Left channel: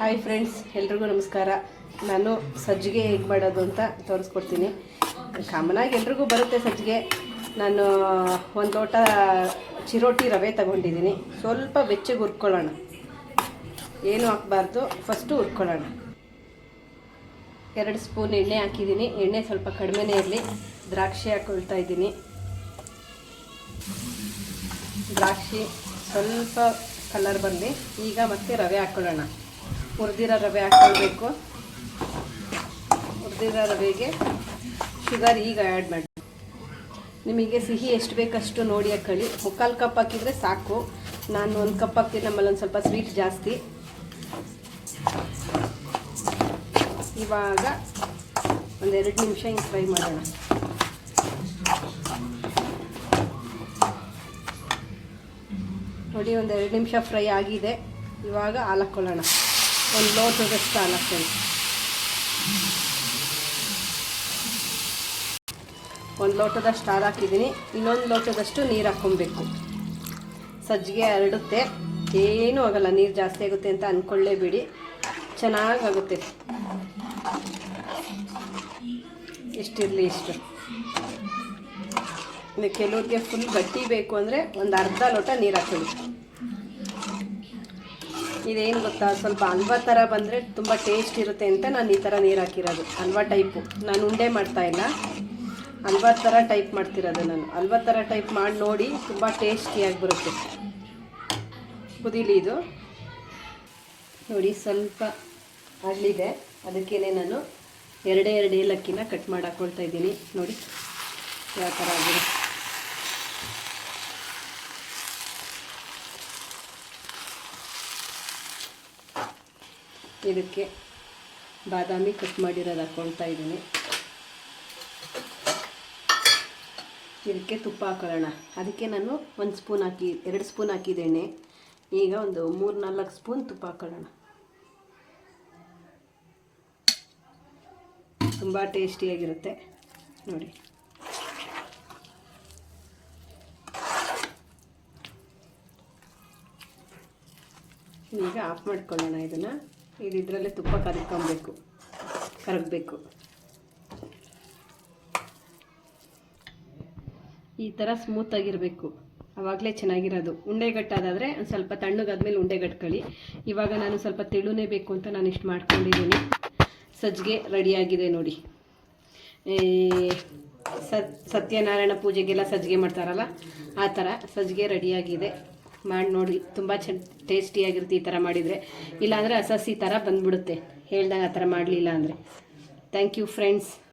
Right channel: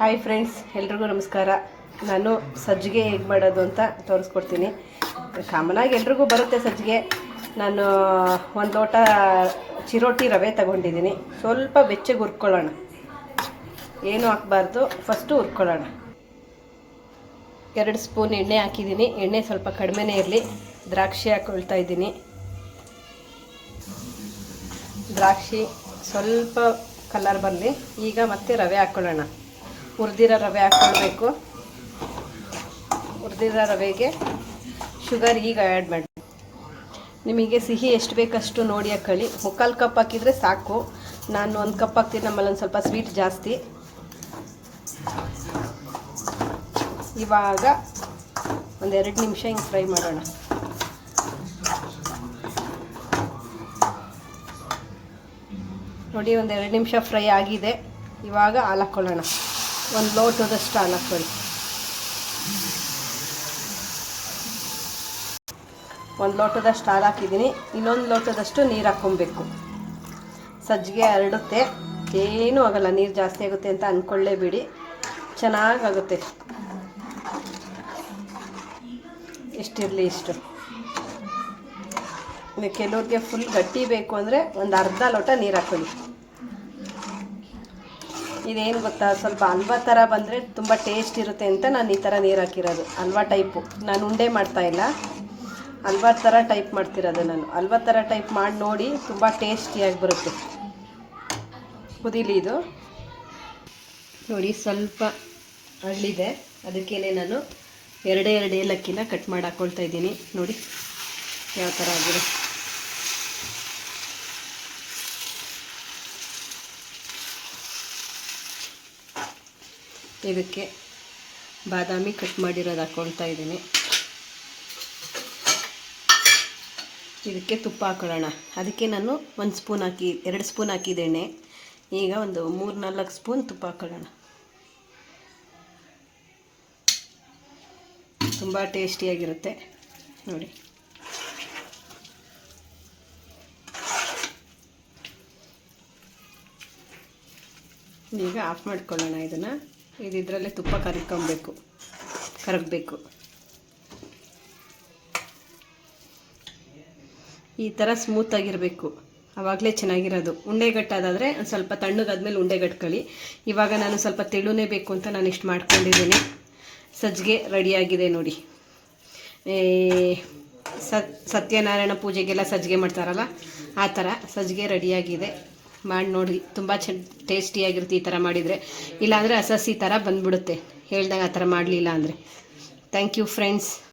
Hi friends ಎಲ್ರಿಗೂ ನಮಸ್ಕಾರ. ನಾನು ಸಜ್ಜಿಗೆ ಹೇಗೆ ಮಾಡೋದು ಅಂತ ತೋರಿಸ್ಕೊಡ್ತೀನಿ. ಕಾಮನಾಗಿ ಎಲ್ರಿಗೂ ಬರುತ್ತೆ ಸಜ್ಜಿಗೆ. ನಾನು, ಒಂದು ಲೋಟ ಚಿರೋಟಿ ರವೆ ತಗೊಂಡಿದ್ದೀನಿ. ಸ್ವಲ್ಪ ಬೆಚ್ಚಗೆ ಹುರ್ಕೊಳ್ಳೋಣ. ಏನು ಹಾಕ್ಬಾರ್ದು, ಫಸ್ಟು ಹುರ್ಕೊಳ್ಳೋಣ. ಎರಡು ಸ್ಪೂನ್ ಎಣ್ಣೆ ಹಾಕಿದ್ದೀನಿ. ಎಣ್ಣೆ ಸ್ವಲ್ಪ ಕಡಿಮೆನೇ ಇರಲಿ. ದ್ರಾಕ್ಷಿ ಹಾಕೊಳ್ತಾ ಇದ್ದೀನಿ. ದ್ರಾಕ್ಷಿ ಸ್ವಲ್ಪ ಕಲರ್ ಬರಲಿ ಈಗ ಮತ್ತೆ ರವೆ ಹಾಕ್ಕೊಳ್ಳೋಣ ಹುರಿದಿರೋ ರವೆ ಹಾಕ್ಕೊಳ್ಬೇಕು. ಹುರಿದಿರೋ ರವೆಗೆ ಶುಗರ್ ಈಗ ಆ್ಯಡ್ ಮಾಡಿ. ನಿಮಗೆ ಸಿಹಿ ಎಷ್ಟು ಬೇಕಷ್ಟು ನೋಡಿ ಹಾಕೊಳ್ಳಿ. ಮುಕ್ಕಾಲು ಕಪ್ ಹಾಕಿದರೆ ಸಾಕು. ನಾನು ಒಂದು ಕಪ್ ಹಾಕ್ತೀನಿ. ನಮ್ಮಲ್ಲಿ ಒಂದು ಸ್ವಲ್ಪ ಸ್ವೀಟ್ ಜಾಸ್ತಿ. ಇವಾಗ ಒಂದೆರಡು ನಿಮಿಷ ಹಿಂಗೆ ಫ್ರೈ ಮಾಡೋಣ. ನೋಡಿ, ಒಂದು ಎರಡು ನಿಮಿಷ ಫ್ರೈ ಆಗಿದೆ. ಇವಾಗ ಹಾಲು ಹಾಕ್ಕೊಳ್ಳೋಣ ಒಂದು ಲೋಟದಷ್ಟು ಹಾಲು ಹಾಕ್ಕೊಳ್ಳಿ ಒಂದು ಲೋಟದಷ್ಟು ಹಾಲು ಹಾಕಿದ್ದೀನಿ. ಇನ್ನೊಂದು ಲೋಟದಷ್ಟು ನೀರು ಹಾಕ್ಕೊಬೇಕು. ಸಜ್ಜಿಗೆ ಹರಡುತ್ತೆ. ಏನೂ ಆಗಲ್ಲ, ನೀರು ಜಾಸ್ತಿ ಆಗುತ್ತೆ ಅಂತ ಅಂದ್ಕೊಳ್ಳೇಬೇಡಿ ಚೆನ್ನಾಗಾಗುತ್ತೆ. ಇಷ್ಟಿರಲಿ ಇಷ್ಟು. ಕೆಲವ್ರಿಗೆ ಫುಲ್ ಗಟ್ಟಿ ಬೇಕು ಅಂದರೆ ಒಂದು ಅರ್ಧ ಲೋಟ ನೀರು ಹಾಕೊಳ್ಳಿ. ಇದೇನು ಗೊತ್ತಾ? ಸ್ವಲ್ಪ ಹಲ್ವಾ ಥರ ಬಂದರೆ ತುಂಬ ಟೇಸ್ಟ್ ಇರುತ್ತೆ ಅಂತ ನಾನು ಈ ಥರ ನೀರು ಹಾಕಿರೋದು. ಹಲ್ವ ಟೈಪು ನಾನು ಉಂಡೆ ಮಾಡ್ತಾ ಇಲ್ಲ. ಹಲ್ವ ಥರ ಟೈಪ್ ಮಾಡ್ತಿರೋದು ನಾನು. ಹಲ್ವ ಥರ ಟೈಪ್ ಮಾಡಿ ನೋಡಿ ತುಂಬ ಟೇಸ್ಟಿಯಾಗಿ ಬರುತ್ತೆ. ಕುದೀಲಿ ಇದು. ನೋಡಿ ಸ್ವಲ್ಪ ಹಳ್ಳಿದೆ ಅದಕ್ಕೇನೆ ನಾನು ಎರಡೇ ಎರಡು ಏಲಕ್ಕಿನ ಕಟ್ ಮಾಡಿ ಹಾಕ್ಕೊಳ್ತಾ ಇದ್ದೀನಿ. ನೋಡಿ, ಯಾವ ಥರ ಆಗಿದೆ. ಇದಕ್ಕೆ ಬಾದಾಮಿ ಕಟ್ ಮಾಡಿರೋದು ಹಾಕ್ಕೊಳ್ತಾ ಇದ್ದೀನಿ. ಇದಕ್ಕೆ ತುಪ್ಪ ಹಾಕೊಳ್ಳೋಣ. ಅದಕ್ಕೆ ನಾನು ಒಂದು ಸ್ಪೂನ್ ಹಾಕಿ, ಎರಡು ಸ್ಪೂನ್ ಹಾಕಿದ್ದೇನೆ. ಈಗ ಒಂದು ಮೂರು ನಾಲ್ಕು ಸ್ಪೂನ್ ತುಪ್ಪ ಹಾಕೊಳ್ಳೋಣ. ತುಂಬ ಟೇಸ್ಟಿಯಾಗಿರುತ್ತೆ ನೋಡಿ. ಈಗ ಆಫ್ ಮಾಡ್ಕೊಳ್ಳೋಣ ಇದನ್ನು. ಇದು ಇದರಲ್ಲೇ ತುಪ್ಪ ಕರ್ಕೊಬೇಕು. ಕರಗಬೇಕು. ಈ ಥರ ಸ್ಮೂತಾಗಿರಬೇಕು ಆವಾಗಲೇ ಚೆನ್ನಾಗಿರೋದು. ಉಂಡೆಗಟ್ಟಾದಾದರೆ ಒಂದು ಸ್ವಲ್ಪ ತಣ್ಣಗಾದ್ಮೇಲೆ ಉಂಡೆಗಟ್ಕೊಳ್ಳಿ. ಇವಾಗ ನಾನು ಸ್ವಲ್ಪ ತೆಳುನೇ ಬೇಕು ಅಂತ ನಾನು ಇಷ್ಟು ಮಾಡ್ಕೊಂಡಿದ್ದೀನಿ. ಸಜ್ಜಿಗೆ ರೆಡಿಯಾಗಿದೆ ನೋಡಿ. ಸತ್ ಸತ್ಯನಾರಾಯಣ ಪೂಜೆಗೆಲ್ಲ ಸಜ್ಜಿಗೆ ಮಾಡ್ತಾರಲ್ಲ, ಆ ಥರ ಸಜ್ಜಿಗೆ ರೆಡಿಯಾಗಿದೆ ಮಾಡಿ ನೋಡಿ ತುಂಬ ಚೆನ್ನ ಟೇಸ್ಟಿಯಾಗಿರುತ್ತೆ ಈ ಥರ ಮಾಡಿದರೆ. ಇಲ್ಲಾಂದರೆ ಹಸಸಿ ಥರ ಬಂದ್ಬಿಡುತ್ತೆ. ಹೇಳ್ದಾಗ ಆ ಥರ ಮಾಡಲಿಲ್ಲ ಅಂದರೆ. Thank you friends